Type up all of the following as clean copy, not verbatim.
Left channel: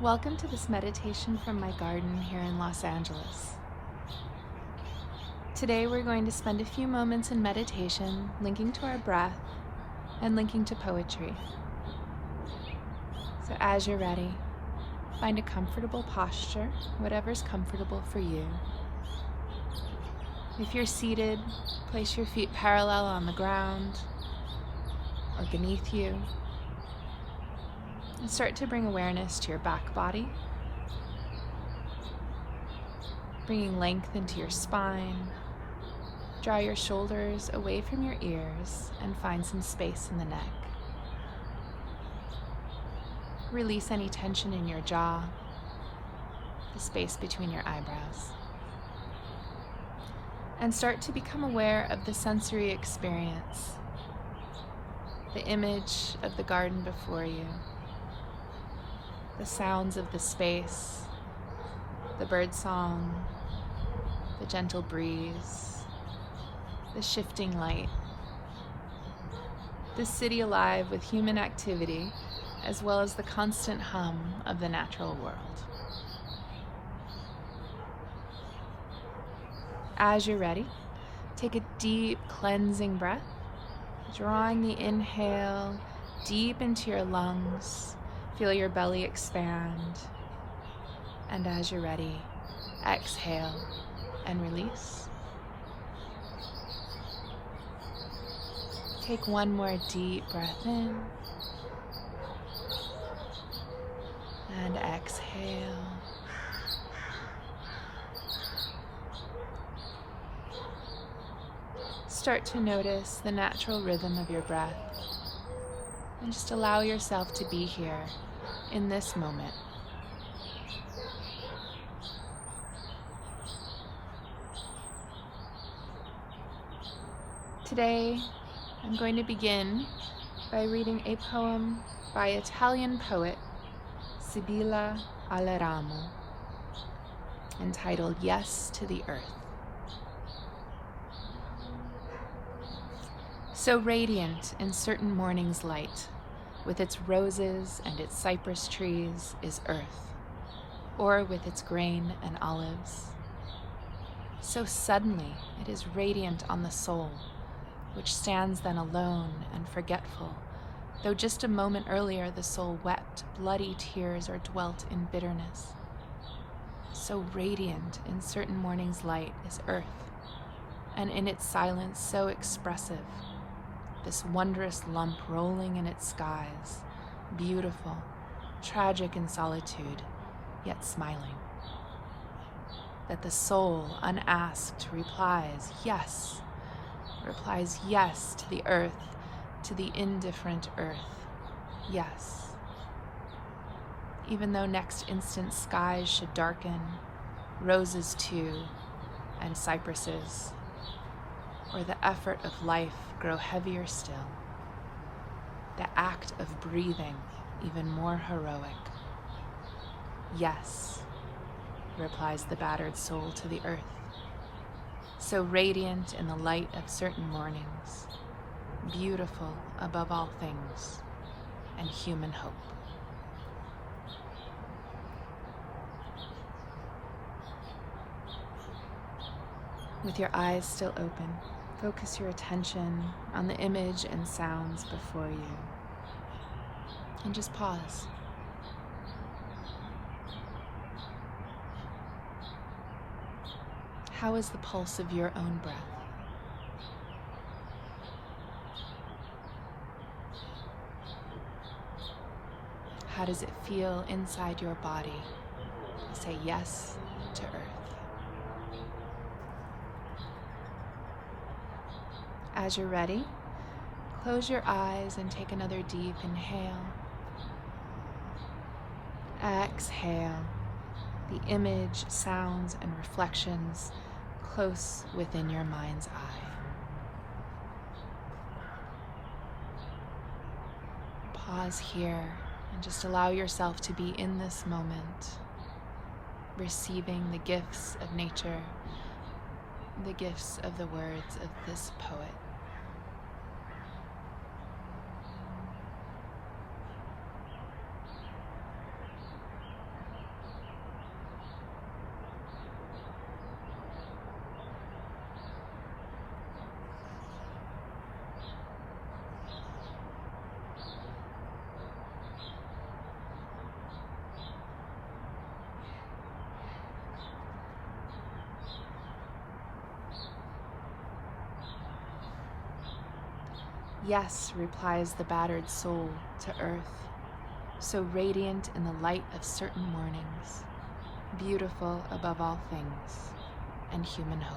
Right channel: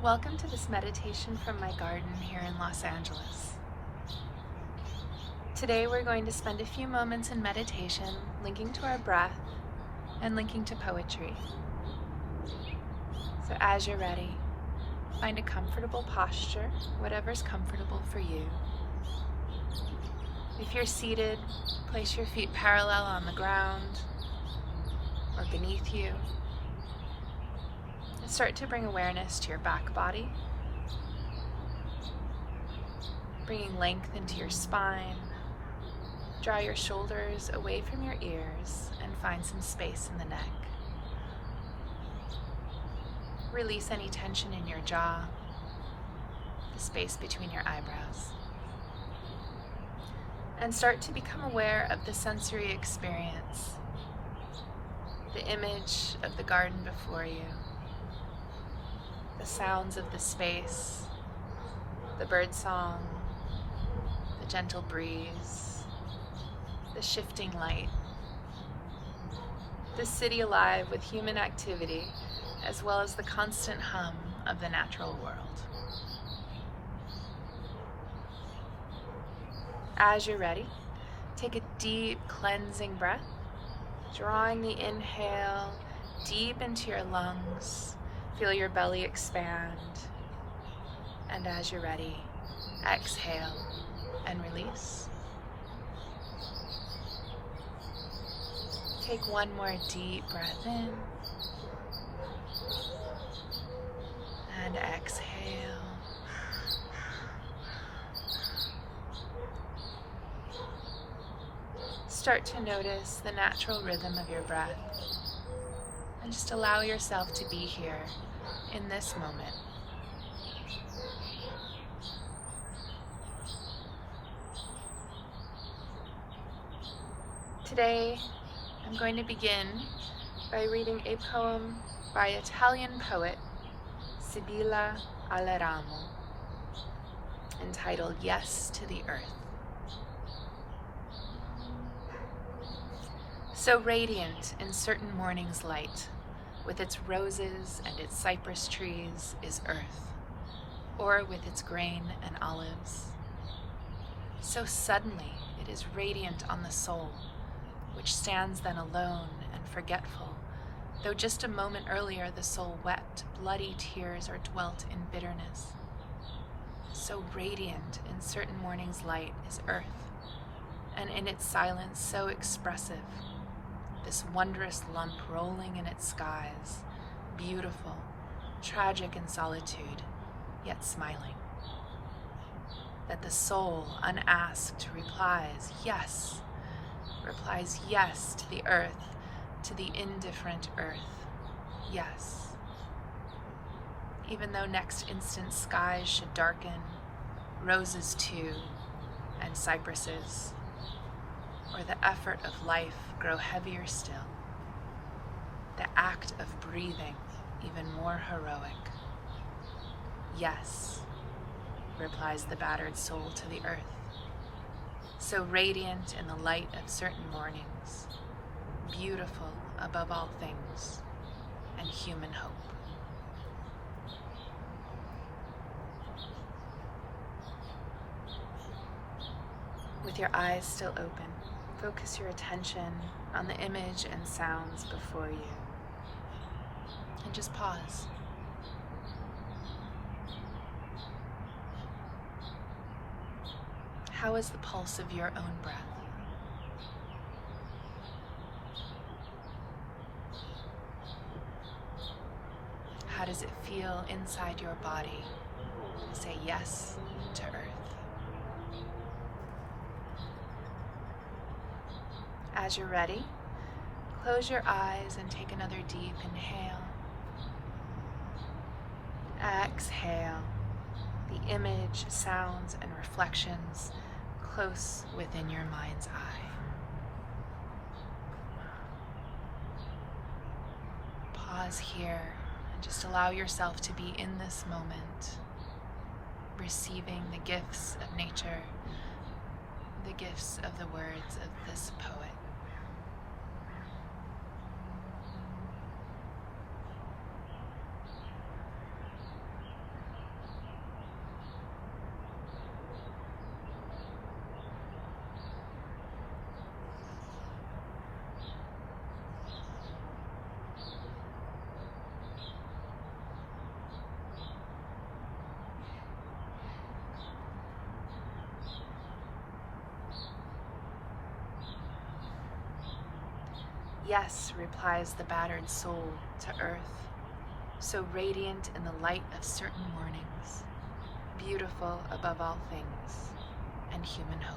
Welcome to this meditation from my garden here in Los Angeles. Today we're going to spend a few moments in meditation, linking to our breath and linking to poetry. So as you're ready, find a comfortable posture, whatever's comfortable for you. If you're seated, place your feet parallel on the ground or beneath you. And start to bring awareness to your back body, bringing length into your spine. Draw your shoulders away from your ears and find some space in the neck. Release any tension in your jaw, the space between your eyebrows. And start to become aware of the sensory experience, the image of the garden before you, the sounds of the space, the bird song, the gentle breeze, the shifting light, the city alive with human activity, as well as the constant hum of the natural world. As you're ready, take a deep cleansing breath, drawing the inhale deep into your lungs. Feel your belly expand, and as you're ready, exhale and release. Take one more deep breath in, and exhale. Start to notice the natural rhythm of your breath, and just allow yourself to be here in this moment. Today, I'm going to begin by reading a poem by Italian poet Sibilla Alermo, entitled Yes to the Earth. So radiant in certain morning's light, with its roses and its cypress trees, is earth, or with its grain and olives. So suddenly it is radiant on the soul, which stands then alone and forgetful, though just a moment earlier the soul wept bloody tears or dwelt in bitterness. So radiant in certain morning's light is earth, and in its silence so expressive, this wondrous lump rolling in its skies, beautiful, tragic in solitude, yet smiling. That the soul, unasked, replies yes to the earth, to the indifferent earth, yes. Even though next instant skies should darken, roses too, and cypresses, or the effort of life grow heavier still, the act of breathing even more heroic. Yes, replies the battered soul to the earth, so radiant in the light of certain mornings, beautiful above all things, and human hope. With your eyes still open, focus your attention on the image and sounds before you. And just pause. How is the pulse of your own breath? How does it feel inside your body to say yes to earth? As you're ready, close your eyes and take another deep inhale. Exhale, the image, sounds, and reflections close within your mind's eye. Pause here and just allow yourself to be in this moment, receiving the gifts of nature, the gifts of the words of this poet. Yes, replies the battered soul to earth, so radiant in the light of certain mornings, beautiful above all things, and human hope.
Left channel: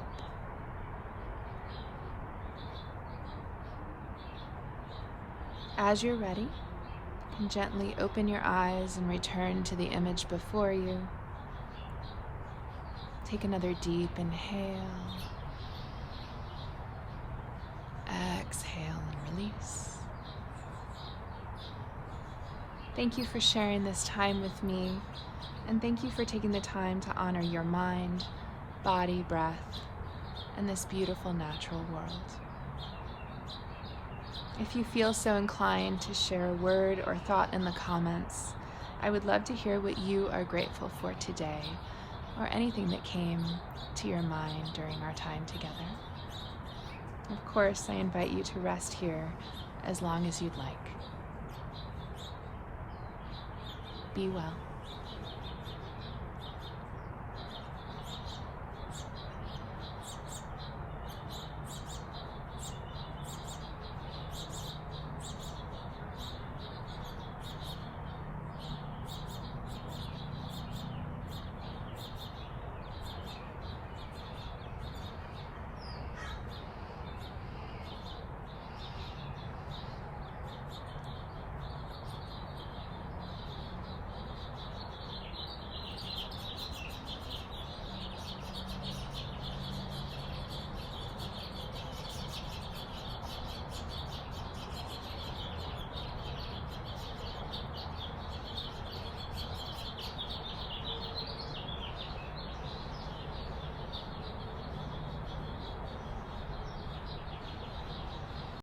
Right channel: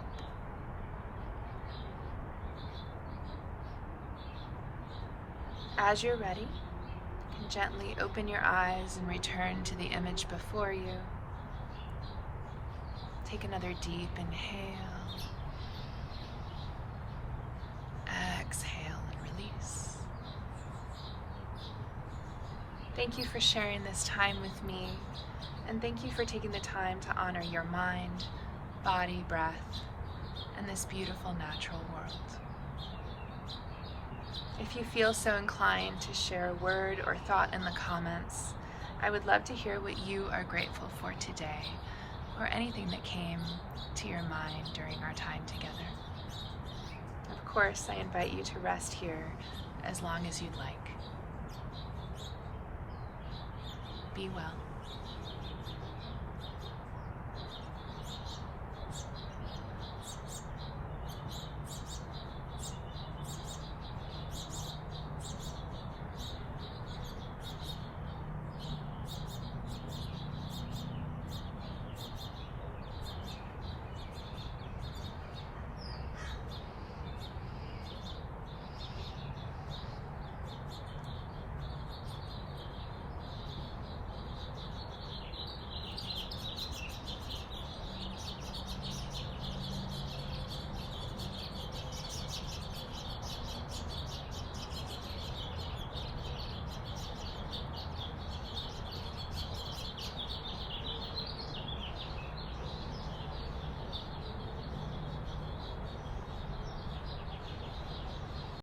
As you're ready, you can gently open your eyes and return to the image before you. Take another deep inhale. Exhale and release. Thank you for sharing this time with me, and thank you for taking the time to honor your mind, body, breath, and this beautiful natural world. If you feel so inclined to share a word or thought in the comments, I would love to hear what you are grateful for today, or anything that came to your mind during our time together. Of course, I invite you to rest here as long as you'd like. Be well.